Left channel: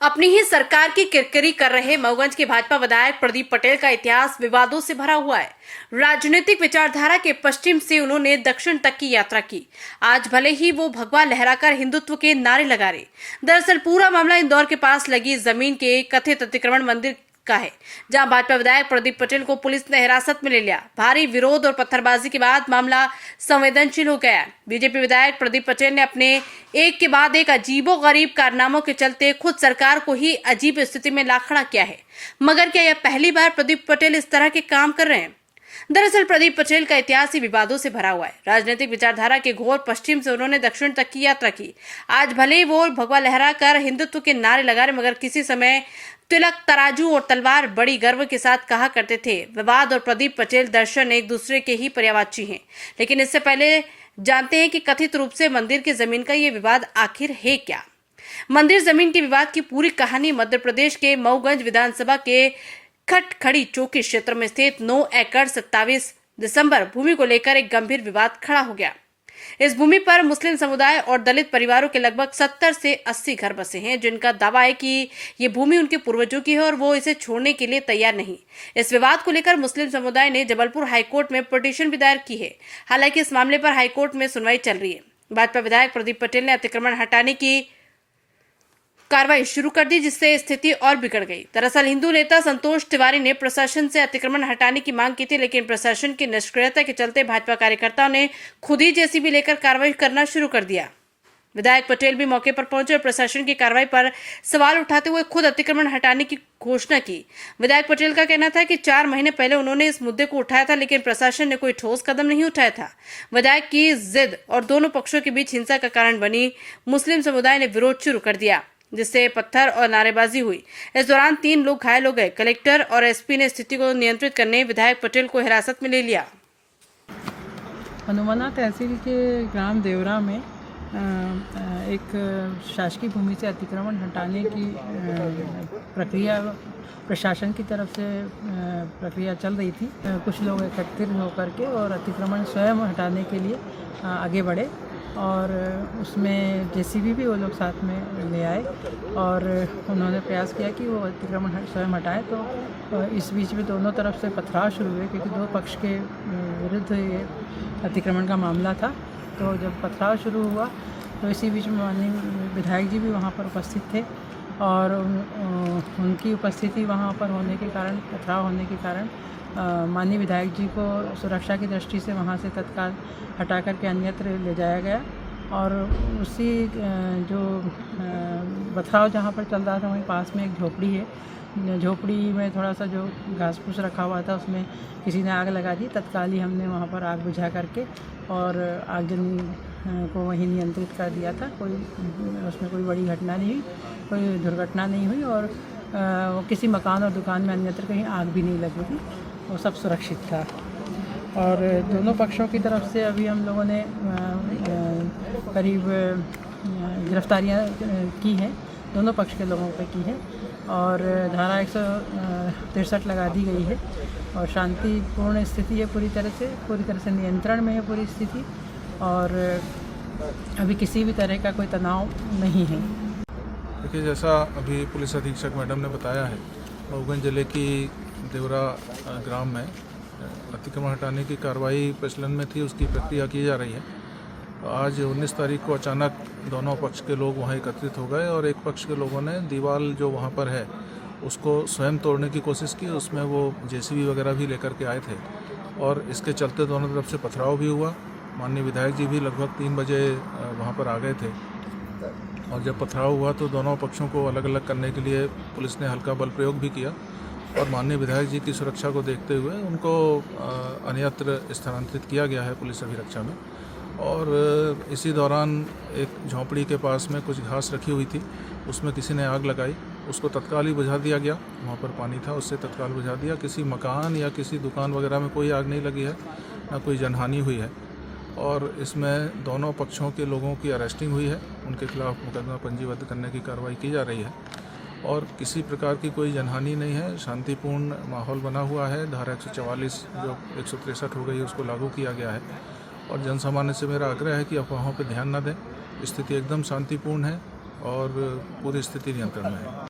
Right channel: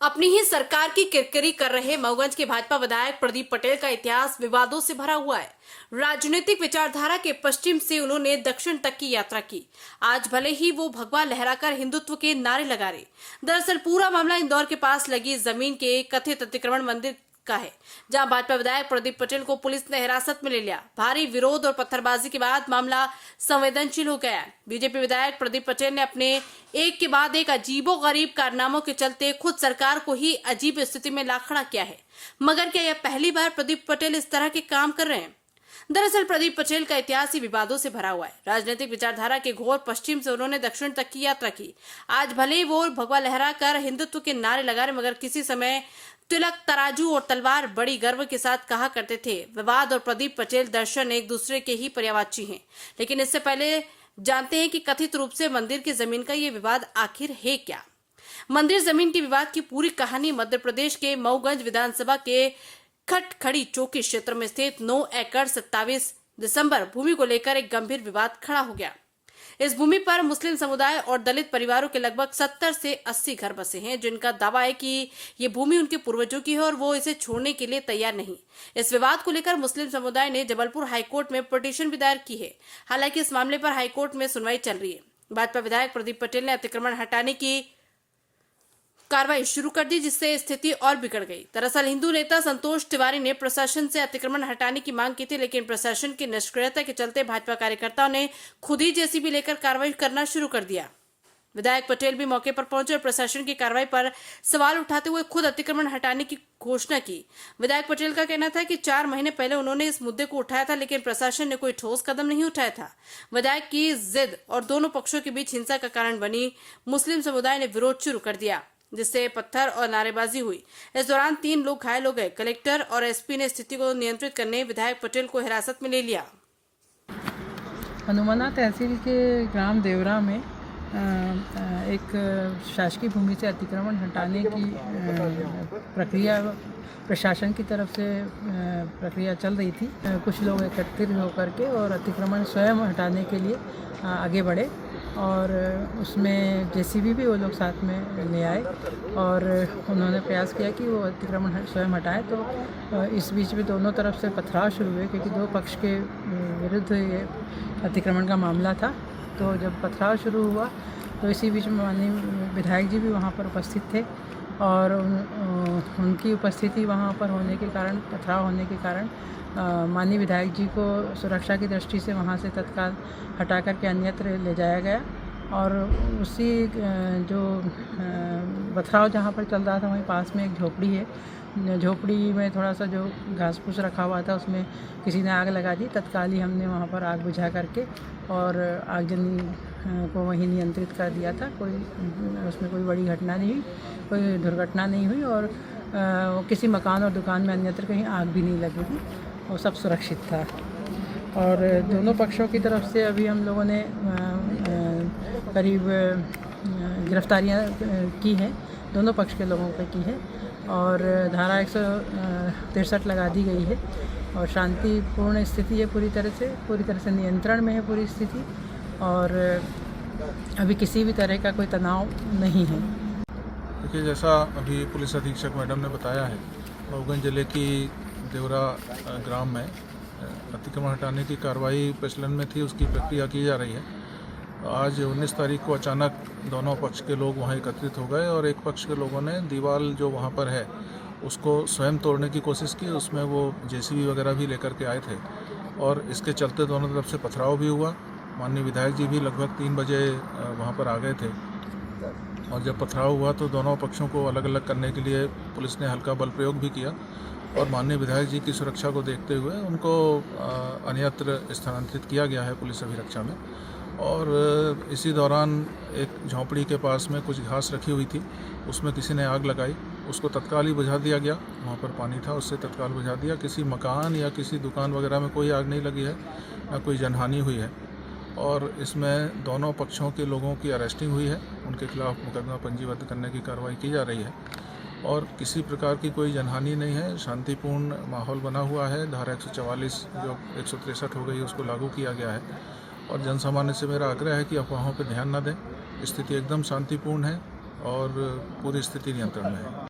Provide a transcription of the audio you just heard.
अपनी ही सरकार की किरकिरी कर रहे मऊगंज के भाजपा विधायक प्रदीप पटेल का इतिहास विवादों से भरा हुआ है। राजनीतिक विचारधारा के पश्चिम से उन्होंने दक्षिण तक की यात्रा की। आज भले ही वो भगवा लहराकर हिंदुत्व के नारे लगा रहे, दरअसल पूरा मामला इंदौर के पास लगी जमीन के कथित अतिक्रमण मंदिर का है, जहां भाजपा विधायक प्रदीप पटेल को पुलिस ने हिरासत में ले लिया। भारी विरोध और पत्थरबाजी के बाद मामला संवेदनशील हो गया। बीजेपी विधायक प्रदीप पटेल ने अपने एक के बाद एक अजीबोगरीब कारनामों के चलते खुद सरकार को ही अजीब स्थिति में ला खड़ा किया है। मगर क्या यह पहली बार प्रदीप पटेल इस तरह के काम कर रहे हैं? दरअसल प्रदीप पटेल का इतिहास ही विवादों से भरा हुआ है। राजनीतिक विचारधारा के घोर पश्चिम से उन्होंने दक्षिण तक की यात्रा की। आज भले ही वो भगवा लहरा कर हिंदुत्व के नारे लगा रहे, मगर किसी समय तिलक, तराजू और तलवार बड़ी गर्व के साथ कहा करते थे। विवाद और प्रदीप पटेल दर्शन एक दूसरे के ही पर्यायवाची हैं। लेकिन इससे पहले जानते हैं कि कथित रूप से मंदिर की जमीन का ये विवाद आखिर है क्या। मंदिर जमीन के विवाद की पूरी कहानी मध्य प्रदेश के मऊगंज विधानसभा के खटखड़ी चौकी क्षेत्र में स्थित 9 एकड़ 27 दिसंबर भूमि को लेकर एक गंभीर विवाद खड़ा हो गया। इस भूमि पर मुस्लिम समुदाय और दलित परिवारों के लगभग 70 से 80 घर बसे हैं, जिनका दावा है कि ये भूमि उनके पूर्वजों की है और वो इसे छोड़ने के लिए तैयार नहीं। इस विवाद को लेकर मुस्लिम समुदाय ने जबलपुर हाईकोर्ट में पिटीशन भी दायर की है। हालांकि इस मामले पर हाईकोर्ट में सुनवाई चल रही है। भाजपा विधायक प्रदीप पटेल ने अतिक्रमण हटाने की कार्रवाई शुरू कर दी, जिससे स्थिति और बिगड़ गई। दरअसल हिंदू नेता संतोष तिवारी ने प्रशासन से अतिक्रमण हटाने की मांग की थी, लेकिन प्रशासन की निष्क्रियता के चलते भाजपा कार्यकर्ताओं ने खुद ही जेसीबी लेकर कार्रवाई करना शुरू कर दिया। विधायक पटेल भी मौके पर पहुंचे और प्रशासन की कार्रवाई पर सवाल उठाते हुए खुद अतिक्रमण हटाने की घोषणा की। विधायक पटेल का कहना था कि 4 महीने पहले उन्होंने इस मुद्दे को उठाया था, लेकिन प्रशासन ने कोई ठोस कदम नहीं उठाया था। विधायक की जिद और दोनों पक्षों के बीच हिंसा का कारण बनी। मुस्लिम समुदाय ने विरोध शुरू कर दिया, जिससे पत्थर और नारेबाजी हुई। इस दौरान 3 लोग घायल हो गए। कलेक्टर और एसपी ने स्थिति को नियंत्रित करने विधायक पटेल को हिरासत में ले लिया। हनुमाना तहसील के ग्राम देवरा में एक शासकीय भूमि से अतिक्रमण हटाने की प्रक्रिया प्रशासन की तरफ से प्रक्रिया चल रही थी। कुछ लोग एकत्रित होकर के और अतिक्रमण स्वयं हटाने के लिए आगे बढ़े और उसमें जेसीबी भी वो लोग साथ में ले आए और उन्होंने प्रयास किया कि वो अतिक्रमण स्वयं हटाएं। तो इस बीच में दोनों तरफ से पथराव शुरू हुए, क्योंकि 2 पक्ष के विरुद्ध ये अतिक्रमण का मामला था। तो जब पथराव शुरू हुआ तो इसी बीच में माननीय विधायक जी भी वहाँ पर उपस्थित थे और उनकी उपस्थिति वहाँ पर होने के कारण, पथराव होने के कारण माननीय विधायक जी को सुरक्षा की दृष्टि से वहाँ से तत्काल हटा करके अन्यत्र ले जाया गया। और उसी जो पथराव जहाँ पर चल रहा था वहीं पास में एक झोपड़ी है। झोपड़ी में थोड़ा सा जो घास फूस रखा हुआ था उसमें किसी ने आग लगा दी। तत्काल ही हमने वहाँ पर आग बुझा करके और आगजनी को वहीं नियंत्रित कर दिया था। उसमें कोई बड़ी घटना नहीं हुई, कोई दुर्घटना नहीं हुई और किसी मकान और दुकान में अन्यत्र कहीं आग भी नहीं लगी थी। वो सब सुरक्षित था। और दोनों पक्षों की तरफ से अभी हम लोगों ने करीब गिरफ्तारियां की हैं, दोनों पक्ष के लोगों पर की हैं और धारा 163 लगा दी गई है और शांतिपूर्ण स्थिति है। पूरी तरह से नियंत्रण में है पूरी स्थिति और अभी किसी भी तरह का कोई तनाव नहीं है। देखिए, जैसा अभी पुलिस अधीक्षक मैडम ने बताया है, मऊगंज जिले की देवरा ग्राम में अतिक्रमण हटाने की कार्रवाई प्रचलन में थी, उसकी प्रक्रिया की जा रही है। आज 19 तारीख को अचानक दोनों पक्ष के लोग वहां एकत्रित हो गए और एक पक्ष के लोगों ने दीवार जो वहां पर है उसको स्वयं तोड़ने की कोशिश की। उसमें वो जेसीबी वगैरह भी लेकर के आए थे और इसके चलते दोनों तरफ से पथराव भी हुआ। माननीय विधायक जी भी लगभग 3 बजे वहाँ पर आ गए थे और जब पथराव हुआ तो दोनों पक्षों को अलग अलग करने के लिए पुलिस ने हल्का बल प्रयोग भी किया और माननीय विधायक जी की सुरक्षा को देखते हुए उनको अन्यत्र स्थानांतरित किया गया है पुलिस अभिरक्षा में। और इसी दौरान एक झोंपड़ी के पास में कुछ घास रखी हुई थी, उसमें किसी ने आग लगाई, उसको तत्काल ही बुझा दिया गया। वहाँ पर पानी था, उससे तत्काल बुझा दिया। किसी मकान या किसी दुकान वगैरह में कोई आग नहीं लगी है, ना कोई जनहानि हुई है और इसमें दोनों पक्षों के लोगों की अरेस्टिंग हुई है। उनके खिलाफ मुकदमा पंजीबद्ध करने की कार्रवाई की जा रही है और किसी प्रकार की कोई जनहानि नहीं है। शांतिपूर्ण माहौल बना हुआ है। धारा 144 जो 163 हो गई उसको लागू किया गया है और जन सामान्य से मेरा आग्रह है कि अफवाहों पर ध्यान न दें। स्थिति एकदम शांतिपूर्ण है और पूरी स्थिति नियंत्रण में है।